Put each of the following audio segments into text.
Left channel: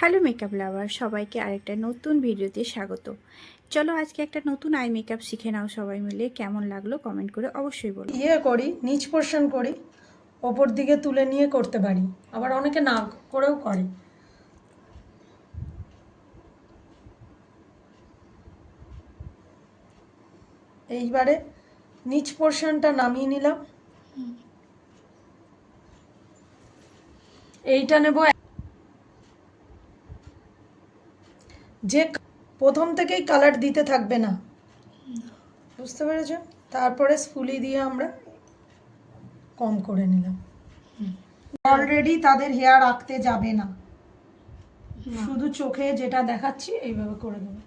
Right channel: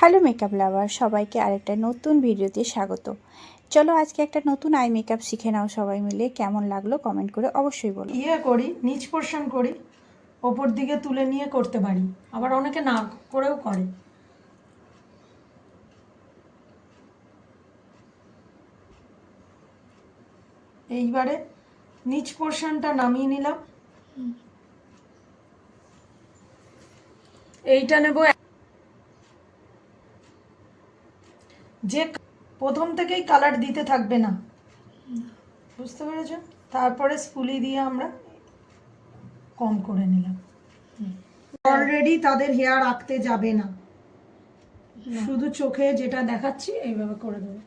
Hello makeup লাভার, সবাইকে আরেকটা নতুন ভিডিওতে স্বাগত। চলো আজকে একটা নতুন আই মেকআপ শিখে নাও সবাই মিলে। কেমন লাগলো কমেন্ট করে অবশ্যই বলো। করি নিচ পোর্শন করি, ওপর দিকে তুলে নিয়ে করতে পারি, আবার অনেকে না করেও করে। এইবারে নিচ পোর্শনটা নামিয়ে নিলাম। এইটা নেব, যে প্রথম থেকেই কালার দিতে থাকবে না, বুঝতে পেরেছ? তারপরে স্পুলি দিয়ে আমরা কম করে নিলাম। অলরেডি তাদের হেয়ার আঁকতে যাবে না, শুধু চোখে যেটা দেখাচ্ছি এইভাবে করে দেবো।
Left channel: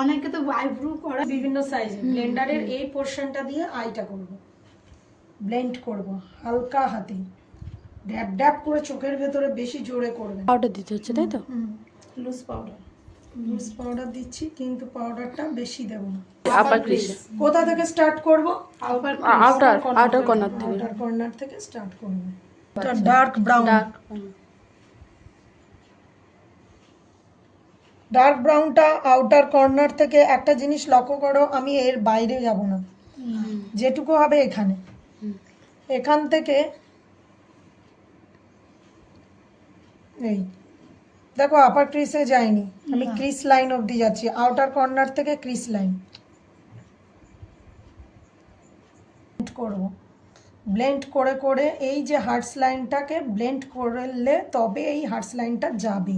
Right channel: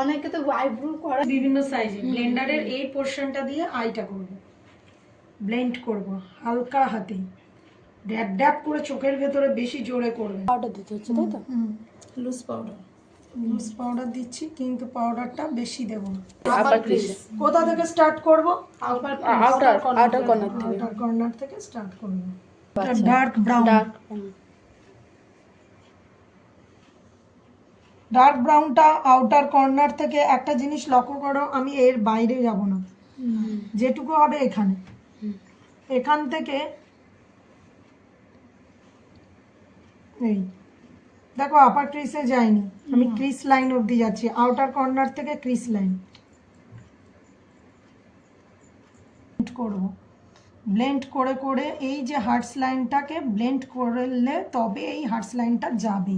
অনেকে তো আইব্রু করে বিভিন্ন সাইজে। ব্লেন্ডারের এই পোর্শনটা দিয়ে আইটা করব, ব্লেন্ড করব হালকা হাতে, ড্যাব ড্যাব করে, চোখের ভেতরে বেশি জোরে করবে। পাউডার দিতে হচ্ছে, তাই তো? লুজ পাউডার দিচ্ছি, কিন্তু পাউডারটা বেশি দেব না। আপার ক্রিস কোথা থেকে স্টার্ট করব? আউটার কর্নার থেকে। আউটার কর্নার থেকে স্টার্ট করব। ডার্ক ব্রাউন, ডার্ক ব্রাউনটা আউটার কর্নার থেকে। একটা জিনিস লক্ষ্য করো, আমি এর বাইরে যাব না, যেটুকু হবে এখানে, এখান থেকে এই দেখো আপার ক্রিসে যাইনি, আমি ক্রিস লাইন অবধি যাচ্ছি, আউটার কর্নার থেকে ক্রিস লাইন করব। ব্লেন্ড করে করে এই যে হার্টস লাইনটাকে ব্লেন্ড করলে তবে এই হার্টস লাইনটা যাবে।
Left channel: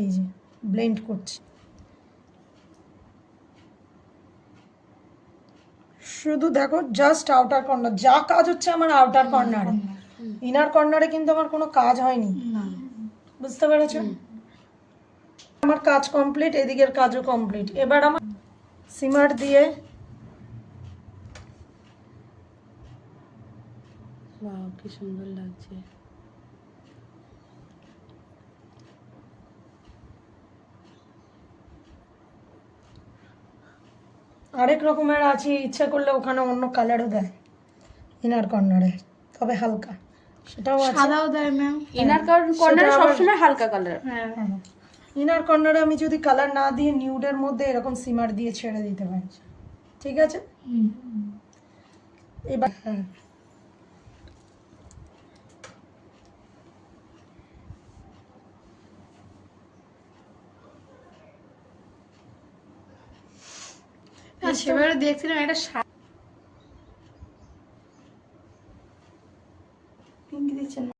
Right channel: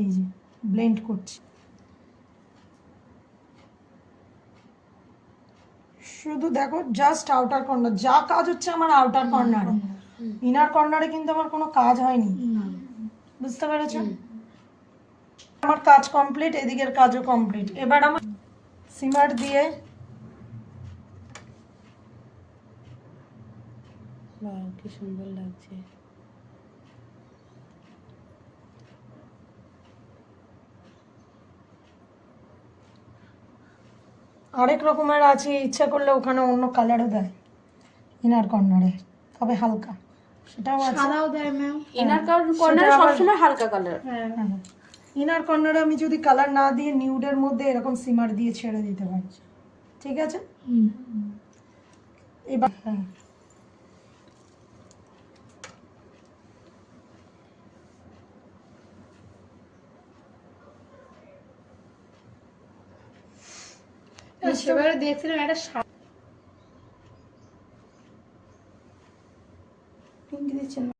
এই যে ব্লেন্ড করছি, শুধু দেখো জাস্ট আউটার কর্নার, যা কাজ হচ্ছে আমার আউটার কর্নারে, ইনার কর্নারে কিন্তু আমার কোনো কাজ হয়নি, বুঝতে পেরেছ? আমার কাজ কমপ্লিট, এদিকের কাজও কমপ্লিট। এবার আমার সিমার দিয়ে কি সুন্দর লাগছে। আরেক রকমের আছে, ইচ্ছা করলে ওখানে অন্য কালারও দেয় ইনার কর্নারে, তবে হালকা, সেটাও আছে। সাদাও দেয় ম্যাম, ইনার কর্নার সবসময় হালকা কালার। ইনার কর্নারে আমি যদি কালার না দিয়ে নিউডের মধ্যে এরকম সিমার দিয়ে ছেড়ে দিতে পারি, ঠিক আছে? এবার সেবারে দেখছিলাম একটা পিঙ্ক দিচ্ছেন না,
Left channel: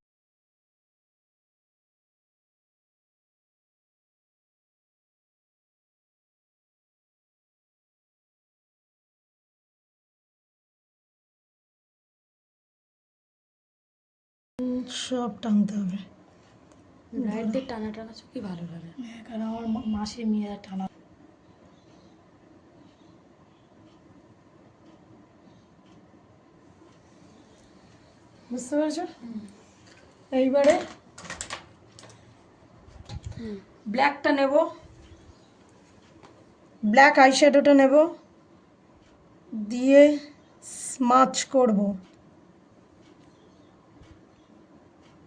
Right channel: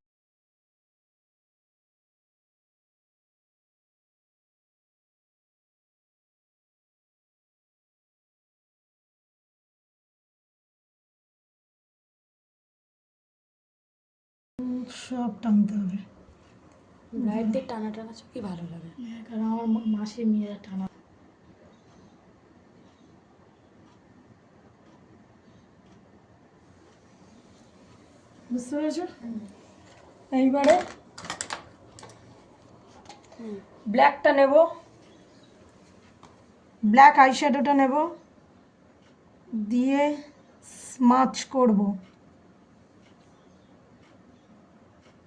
সব টানতে হবে। লাইট দিয়ে টানা টানা কি ভালো লাগে, কারণ আমার মাসি মেয়ে টানা, বুঝতে পেরেছো? এইবারে ব্ল্যাকটা নেব, ব্ল্যাক আইশ্যাডোটা নেব, দিয়ে স্মাচ করব।